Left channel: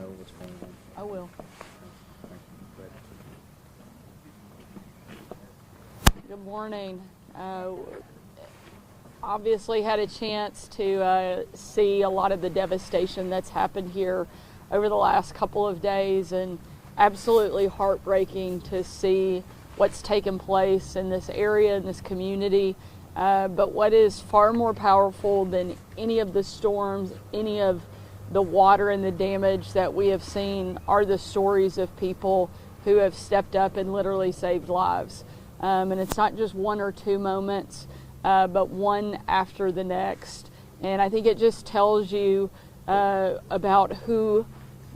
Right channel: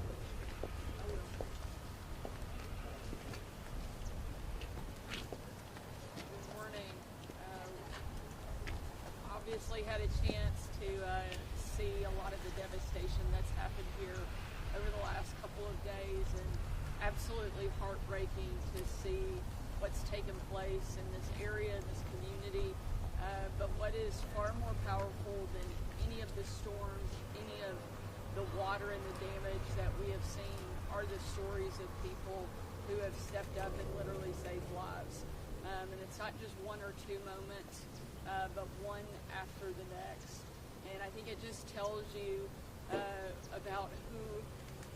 know this one. I will. Good morning. Obviously had a chance to see a lot of the devastation that's happened here over the last couple of days, and absolutely heartbreaking to see what's taken place in this area, in this community. But what is far more powerful than any of the storms, any of the water and the damage that we have seen are the stories of people who have stepped up and literally saved lives. And it's not just one or two moments, but one after the next. And I think it just tells you about who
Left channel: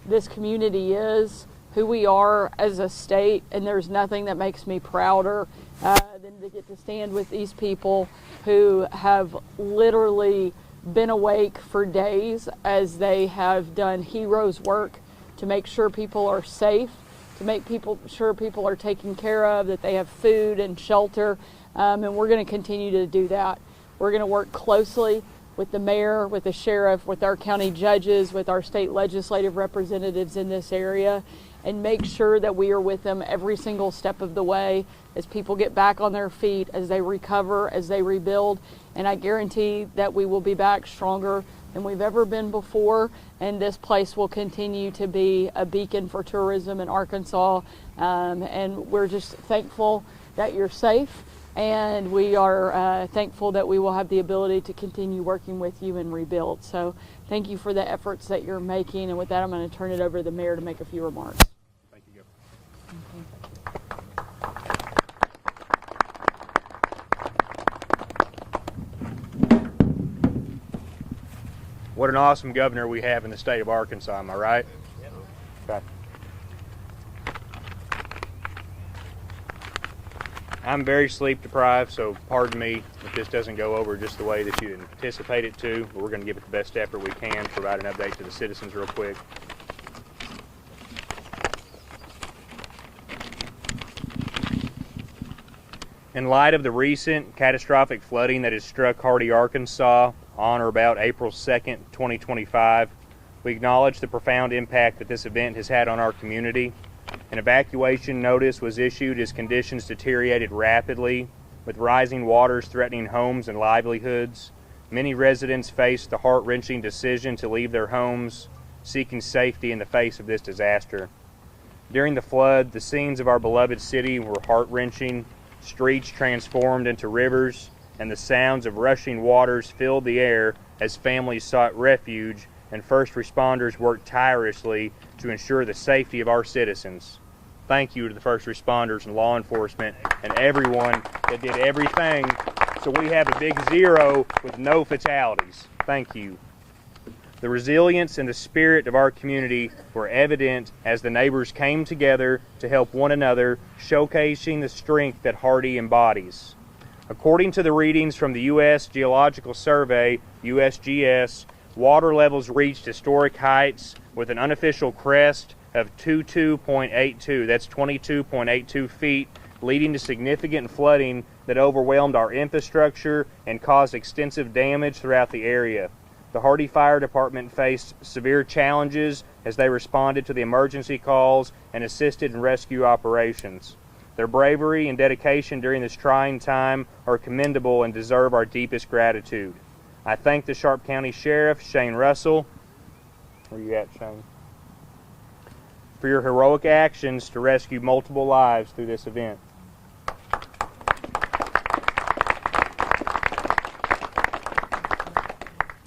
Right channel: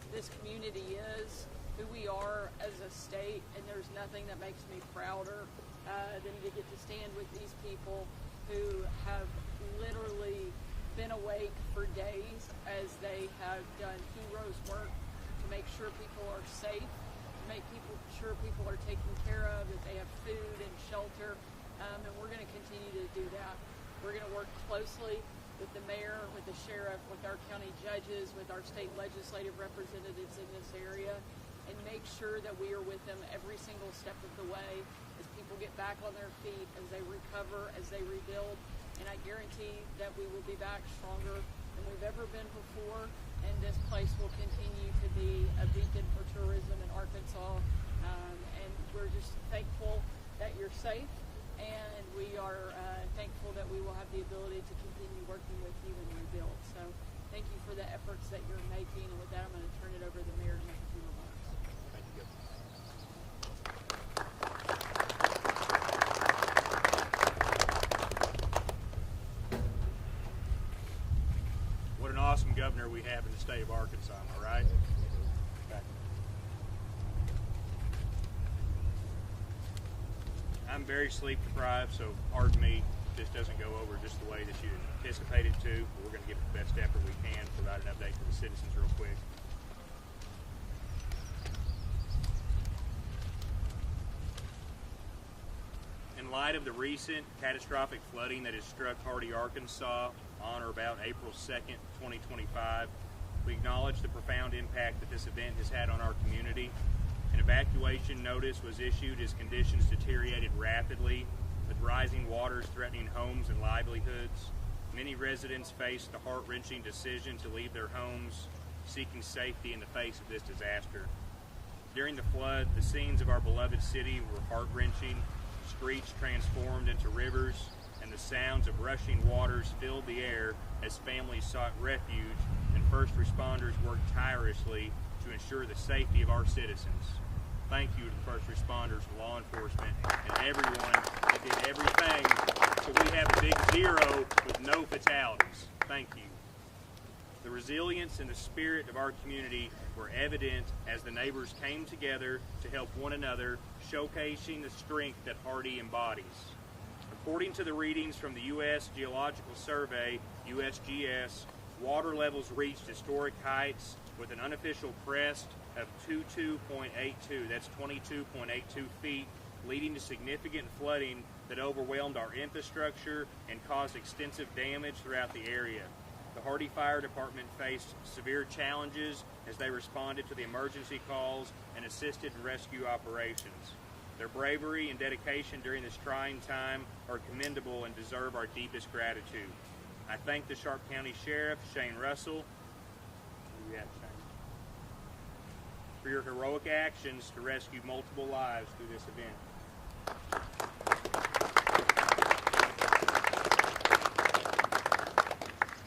this community is, who we are as a state, and there's nothing that makes me prouder than to get to stand with these people who have literally been awake for days as they have done heroes work to make sure people are safe, to make sure people are taken care of, that they have food and shelter, and we're going to continue to do that. We're going to work closely with the mayor, with the sheriff, with our county judges, with our state legislative representatives in this area, and make sure that we are with them every single step of the way as people get back on their feet, as they recover, as they rebuild. And I guarantee that we will be back stronger than we've ever been before, and this place will continue to be a beacon for tourism in Arkansas. And we're just thankful that you're safe, and we are thankful that we will have the ability to continue working with you and rebuild. So thank you for the efforts that you're making, and with that I'm going to turn it over to the mayor to make a few remarks. What an awesome governor we have in the state of Arkansas, am I right? Okay. I'm very sleep deprived, so pardon me if this doesn't go over just the way that you anticipate it to, but we're going to give it the best effort we can, provide an update to the citizens real quick. In light of the recent catastrophic flooding that has struck Hardy, Arkansas on or about April 2nd, 2025, we acknowledge the profound impact that this event has had on our community. An evacuation notice was issued as conditions deteriorated rapidly, with rising waters threatening homes and livelihoods. Many residents faced the heart-wrenching decision to leave their homes, seeking safety in the face of this disaster. During the flood, the scenes of our beloved city were heart-wrenching. Streets transformed into rivers, and the sounds of rushing waters filled the air as families sought refuge and first responders worked tirelessly to ensure the safety of our citizens. Thank you to the first responders and law enforcement and everyone that did everything so we have a big zero with no fatalities. Thank you. The resilience and the spirit of our community were evident as the neighbors came together to help one another, showcasing the strength that Hardy embodies. According to the readings from the U.S. Geological Survey, USGS, water levels reached historic heights with an unofficial crest of 22.82. That's 22.82 feet, leading to significant flooding that overwhelmed our infrastructure and caused extensive damage throughout the area. The Hardy Fire Department faced severe challenges as they responded to the emergency calls and assisted in rescue operations. Their bravery and dedication during this trying time are commendable and deserve our deepest gratitude. I thank the Sharp County Sheriff, Shane Russell, where you at, Shane, for your heroic actions to rescue multiple lives through this event.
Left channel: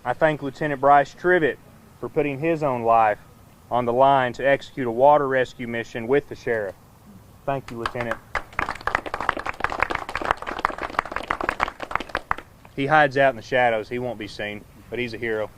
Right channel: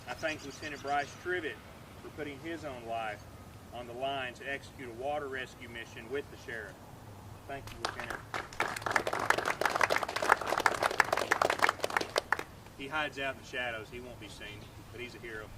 I thank Lieutenant Bryce Trivett for putting his own life on the line to execute a water rescue mission with the sheriff. Thank you, Lieutenant. He hides out in the shadows. He won't be seen, but he's a hero.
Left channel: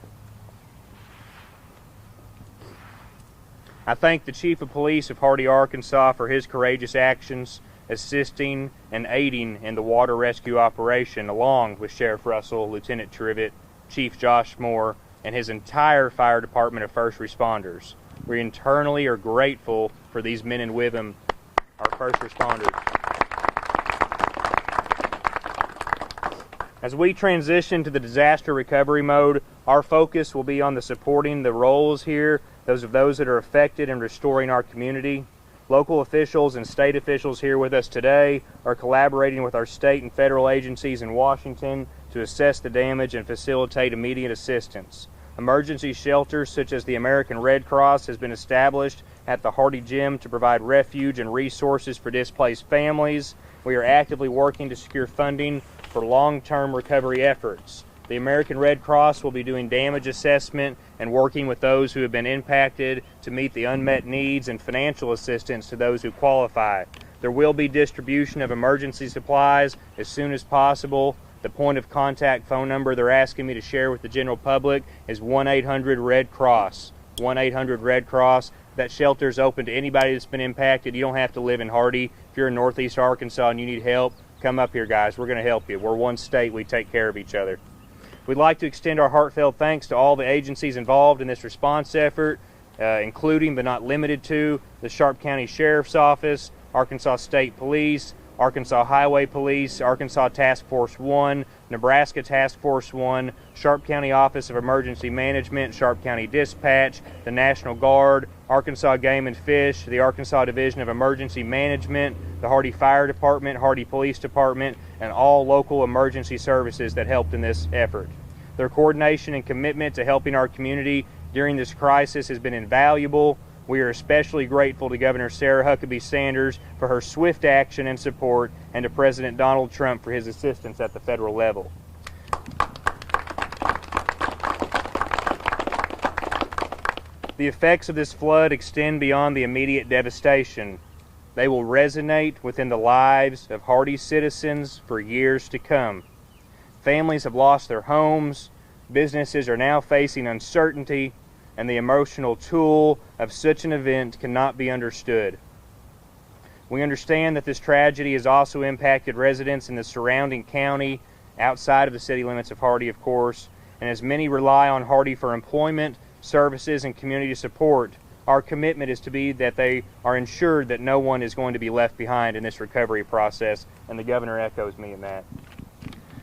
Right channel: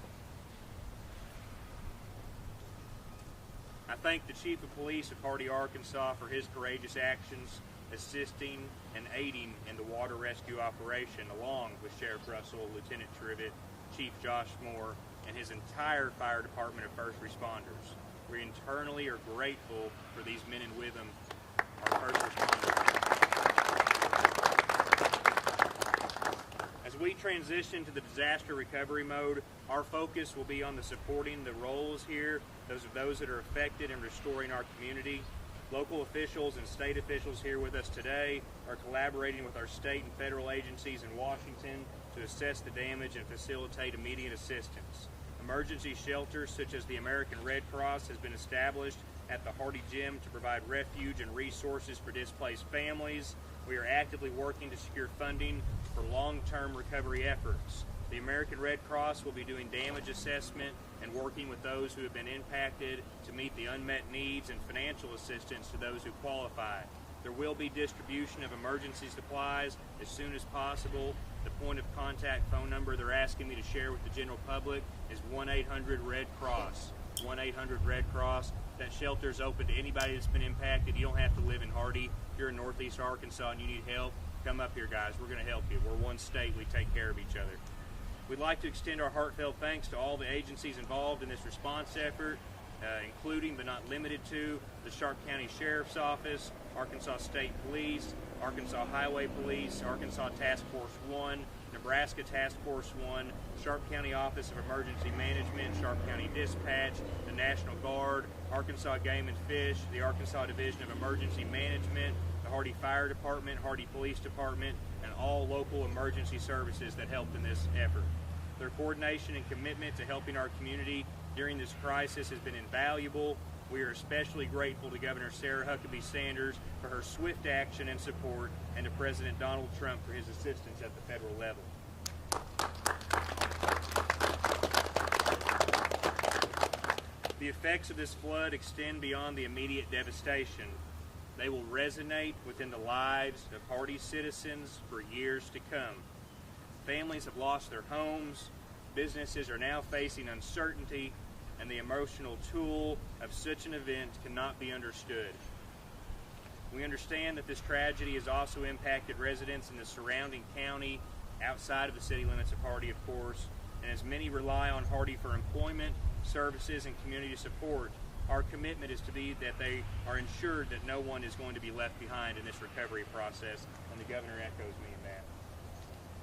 I thank the Chief of Police of Hardy, Arkansas for his courageous actions, assisting and aiding in the water rescue operation, along with Sheriff Russell, Lieutenant Trivett, Chief Josh Moore, and his entire fire department of first responders. We internally are grateful for these men and women, our first responders. As we transition to the disaster recovery mode, our focus will be on the supporting the roles here those that are affected and restoring our community. Local officials and state officials here with us today are collaborating with our state and federal agencies in Washington to assess the damage and facilitate immediate assistance. Emergency shelters such as the American Red Cross has been established at the Hardy Gym to provide refuge and resources for displaced families. We are actively working to secure funding for long-term recovery efforts. The American Red Cross will be doing damage assessment and working with those who have been impacted to meet the unmet needs and financial assistance to those who qualify. There will be distribution of emergency supplies as soon as possible. The point of contact phone number they're asking me to share with the general public is 1-800-RED-CROSS. 1-800-RED-CROSS. That shelter is open to anybody that's been impacted. You don't have to live in Hardy. If you're in Northeast Arkansas and you need help, come up here, guys. We're going to help you. We're one state. We take care of each other. We'd like to extend our heartfelt thanks to all the agencies involved in this response effort, including but not limited to the Sharp County Sheriff's Office, Arkansas State Police, Arkansas Highway Police, Arkansas Task Force 1, Nebraska Task Force 1, Sharp County Office of Emergency Management, Sharp County Dispatch, the National Guard, Arkansas Game and Fish, the Arkansas Division of Emergency Management, the Hardy Fire Department, Hardy Police Department, and all local emergency services that helped in this effort. Their coordination and commitment to helping our community during this crisis has been invaluable. We are especially grateful to Governor Sarah Huckabee Sanders for her swift action and support, and to President Donald Trump for his assistance at the federal level. The effects of this flood extend beyond the immediate devastation. They will resonate within the lives of Hardy citizens for years to come. Families have lost their homes, businesses are now facing uncertainty, and the emotional toll of such an event cannot be understood. We understand that this tragedy has also impacted residents in the surrounding county, outside of the city limits of Hardy, of course, and as many rely on Hardy for employment, services, and community support, our commitment is to be that they are ensured that no one is going to be left behind in this recovery process, and the governor echoes me in that.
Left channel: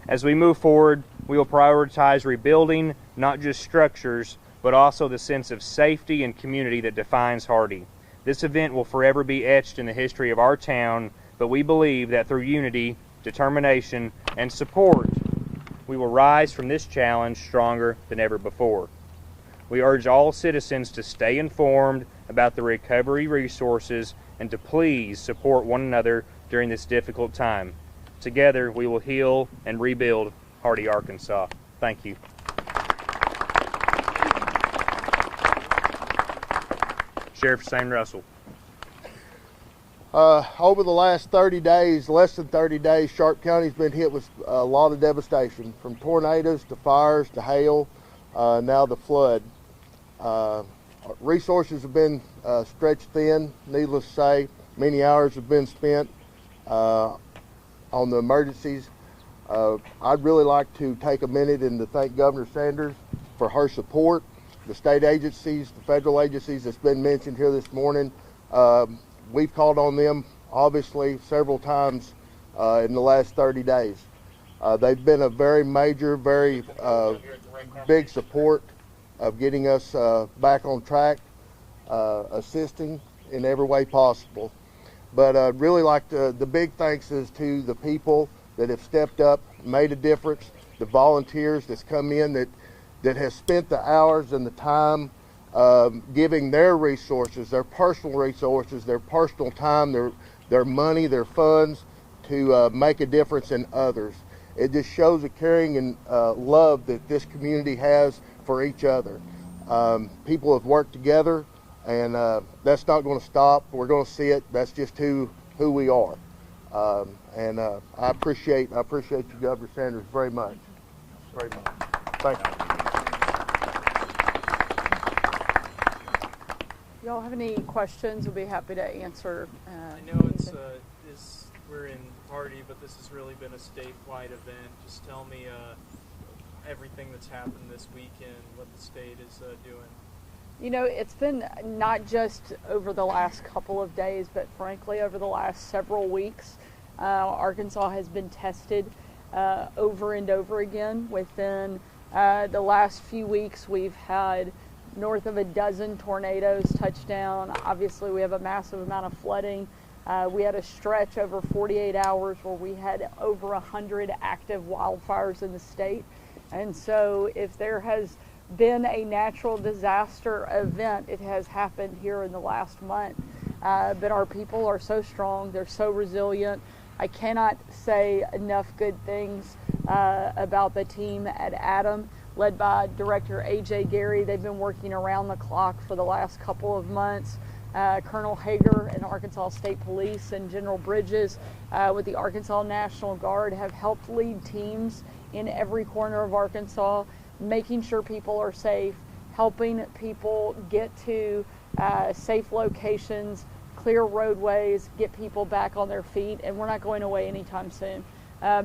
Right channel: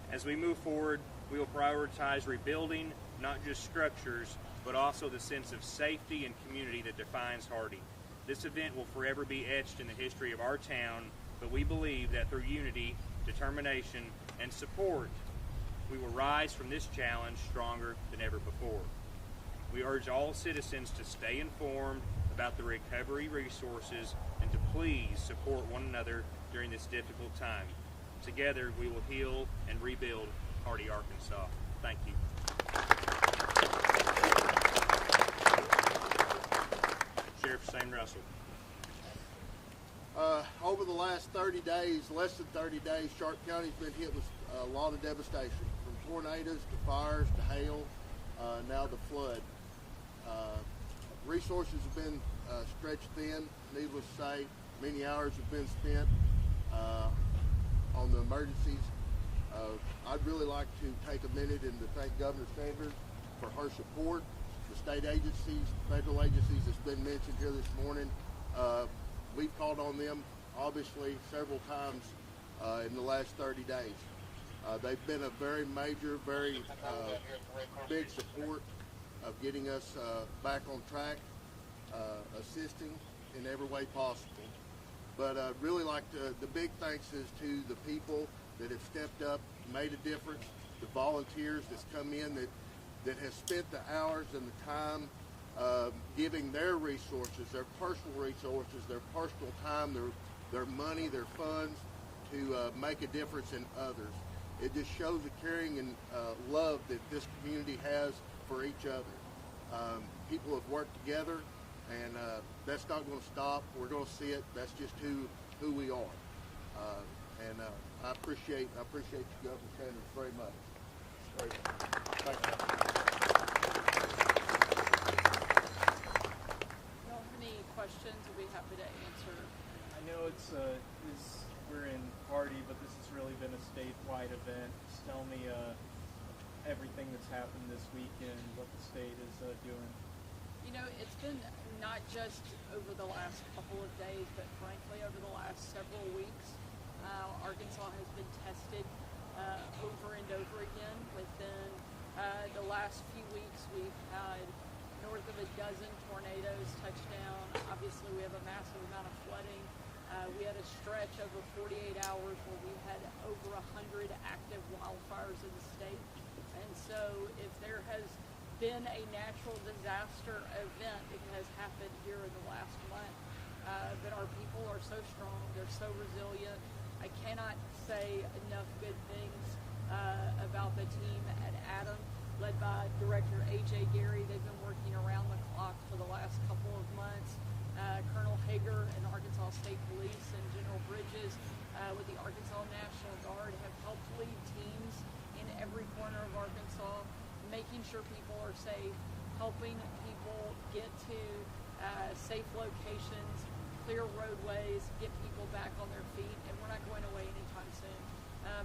As we move forward, we will prioritize rebuilding not just structures, but also the sense of safety and community that defines Hardy. This event will forever be etched in the history of our town, but we believe that through unity, determination, and support, we will rise from this challenge stronger than ever before. We urge all citizens to stay informed about the recovery resources and to please support one another during this difficult time. Together, we will heal and rebuild Hardy, Arkansas. Thank you. Sheriff Sam Russell. Over the last 30 days, less than 30 days, Sharp County's been hit with a lot of devastation, from tornadoes to fires to hail, now the flood. Resources have been stretched thin, needless to say. Many hours have been spent on the emergencies. I'd really like to take a minute and to thank Governor Sanders for her support. The state agencies, the federal agencies that's been mentioned here this morning, we've called on them obviously several times in the last 30 days. They've been a very major, very big support of getting us back on track, assisting in every way possible. But I'd really like to, the big thanks is to the people that have stepped up, made a difference, the volunteers that's come in that has spent the hours and the time giving their resources, their personal resources, their personal time, their money, their funds to make a difference in others. It just shows the caring and love that this community has for each other. People have worked together, and that's not going to stop. We're going to see it. That's just who we are. And I appreciate you, Governor Sanders, very much. Very much. Thank you. Y'all have any questions? We'll be happy to answer. I know we're in Hardy, but this has really been a statewide event. Just tell me everything that's happened this weekend, what the state is doing. You know, it's been not just over the last couple of days, but frankly over the last several weeks. Arkansas has been tested over and over again. Within the last few weeks, we've had north of a dozen tornadoes touched down. Obviously, we have a massive amount of flooding. We had a stretch over 48 hours where we had over 100 active wildfires in the state. And so if there has been a natural disaster event, it has happened here in the last month. But our people are so strong, they're so resilient. I cannot say enough good things about the team at ATOM, led by Director A.J. Gary. They've been working around the clock for the last couple of months. Colonel Hager and Arkansas State Police and General Bridges with the Arkansas National Guard have helped lead teams in every corner of Arkansas, making sure people are safe, helping people get to safe locations, clear roadways, get people back on their feet, and we're not going away anytime soon.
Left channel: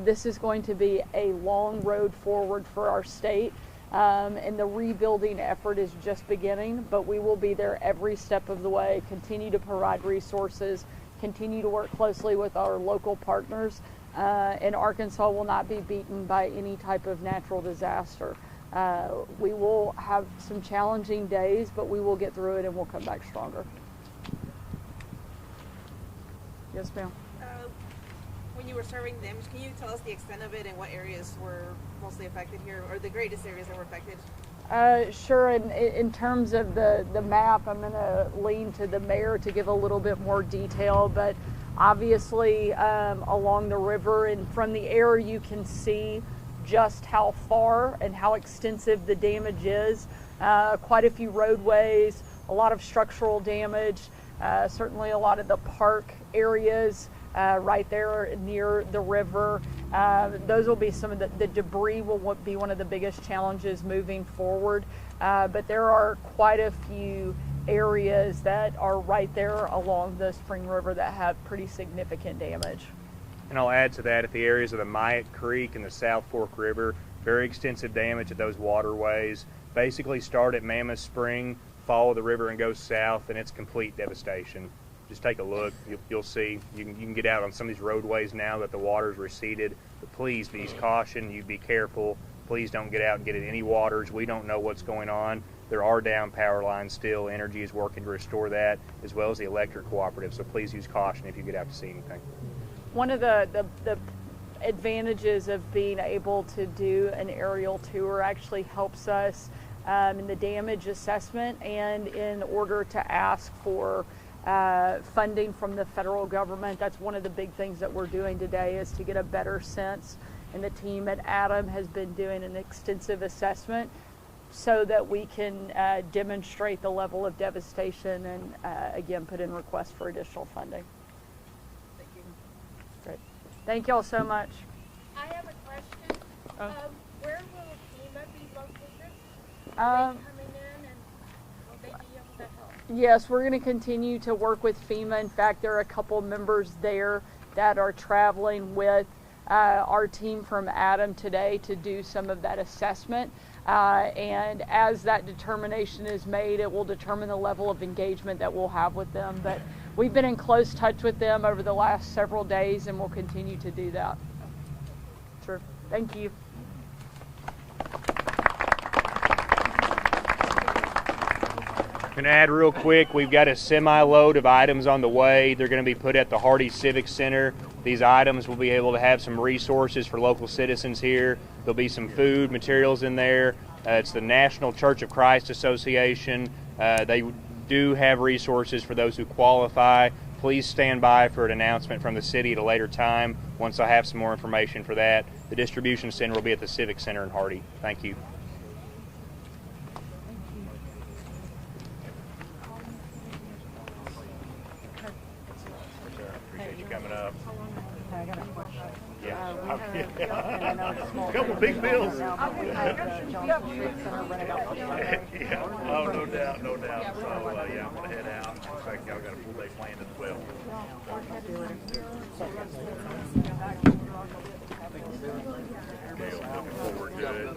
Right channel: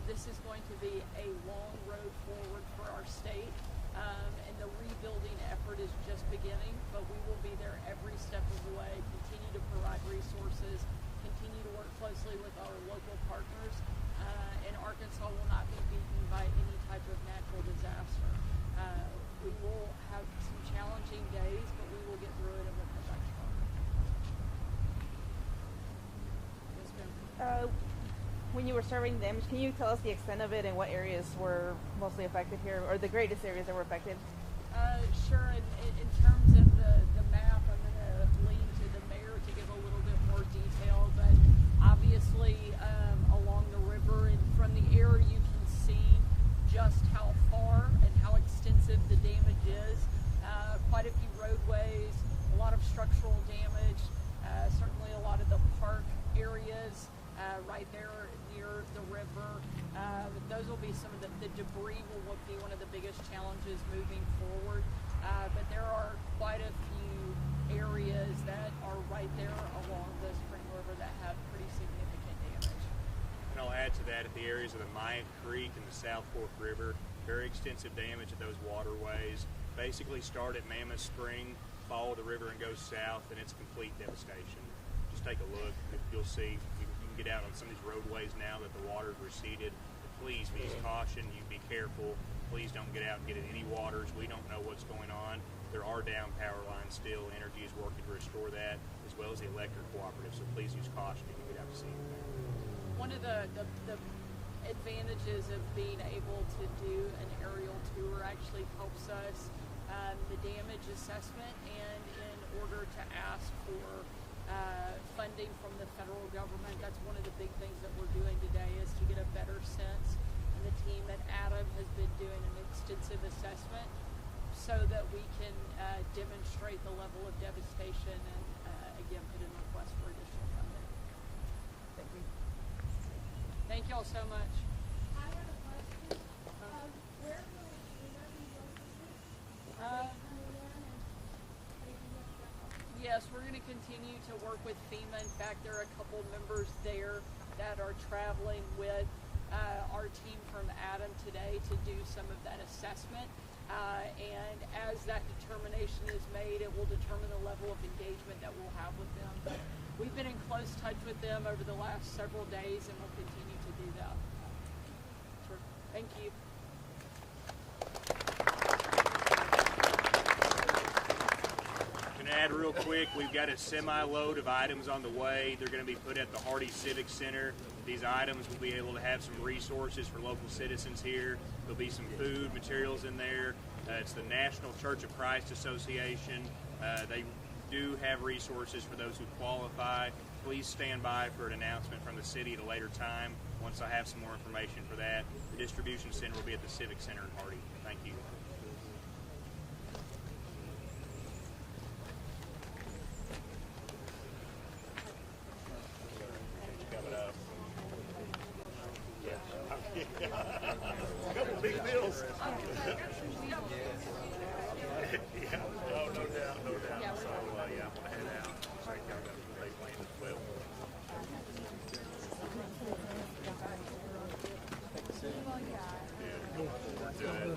This is going to be a long road forward for our state. And the rebuilding effort is just beginning, but we will be there every step of the way, continue to provide resources, continue to work closely with our local partners, and Arkansas will not be beaten by any type of natural disaster. We will have some challenging days, but we will get through it and we'll come back stronger. Yes, ma'am. When you were serving damage, can you tell us the extent of it and what areas were mostly affected here, or the greatest areas that were affected? Sure. In terms of the map, I'm going to lean to the mayor to give a little bit more detail, but obviously along the river and from the air you can see just how far and how extensive the damage is. Quite a few roadways, a lot of structural damage, certainly a lot of the park areas right there near the river. Those will be some of the debris will be one of the biggest challenges moving forward. But there are quite a few areas that are right there along the Spring River that have pretty significant damage. And I'll add to that, at the areas of the Myatt Creek and the South Fork River, very extensive damage at those waterways. Basically start at Mammoth Spring, follow the river and go south, and it's complete devastation. Just take a look. You'll see. You can get out on some of these roadways now that the water's receded. But please be caution. You be careful. Please don't get out and get in any waters. We don't know what's going on. There are down power lines still. Energy is working to restore that, as well as the electric cooperative. So please use caution if you get out to see anything. One of the advantages of being able to do an aerial tour actually helps us in the damage assessment and in order to ask for funding from the federal government. That's one of the big things that we're doing today, is to get a better sense. And the team at ATOM has been doing an extensive assessment so that we can demonstrate the level of devastation and again put in requests for additional funding. Thank you. Great. Thank you all so much. I have a question. Oh. Where will FEMA be located? Um, Coming in and will they be able to help? Yes, we're going to continue to work with FEMA. In fact, there are a couple members there that are traveling with our team from ATOM today to do some of that assessment. And as that determination is made, it will determine the level of engagement that we'll have with them. But we've been in close touch with them over the last several days, and we'll continue to do that. Sure. Thank you. I'm going to add real quick, we've got a semi-load of items on the way. They're going to be put at the Hardy Civic Center. These items will be able to have some resources for local citizens here. There'll be some food materials in there. It's the National Church of Christ Association. They do have resources for those who qualify. Please stand by for an announcement from the city at a later time once I have some more information for that. The distribution center will be at the Civic Center in Hardy. Thank you. Couple big bills. Yeah. Oh, no doubt, no doubt. So, yeah, I'm going to head out. In fact, I've got a full day planned as well. Yeah, looking forward to it.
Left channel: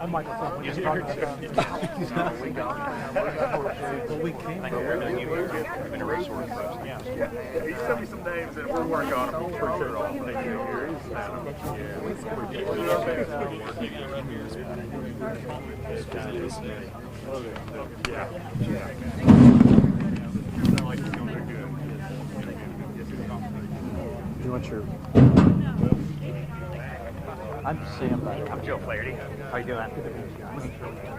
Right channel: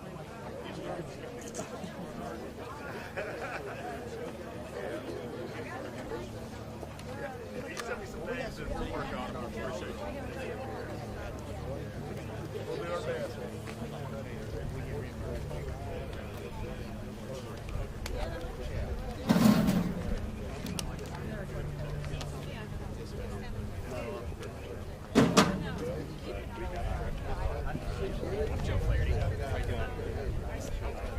I'm like, he's talking about we can't. He sent me some names and we'll work on them for sure. I'll take care of You want your... I'm Sam. I'm Joe Flaherty. How you doing?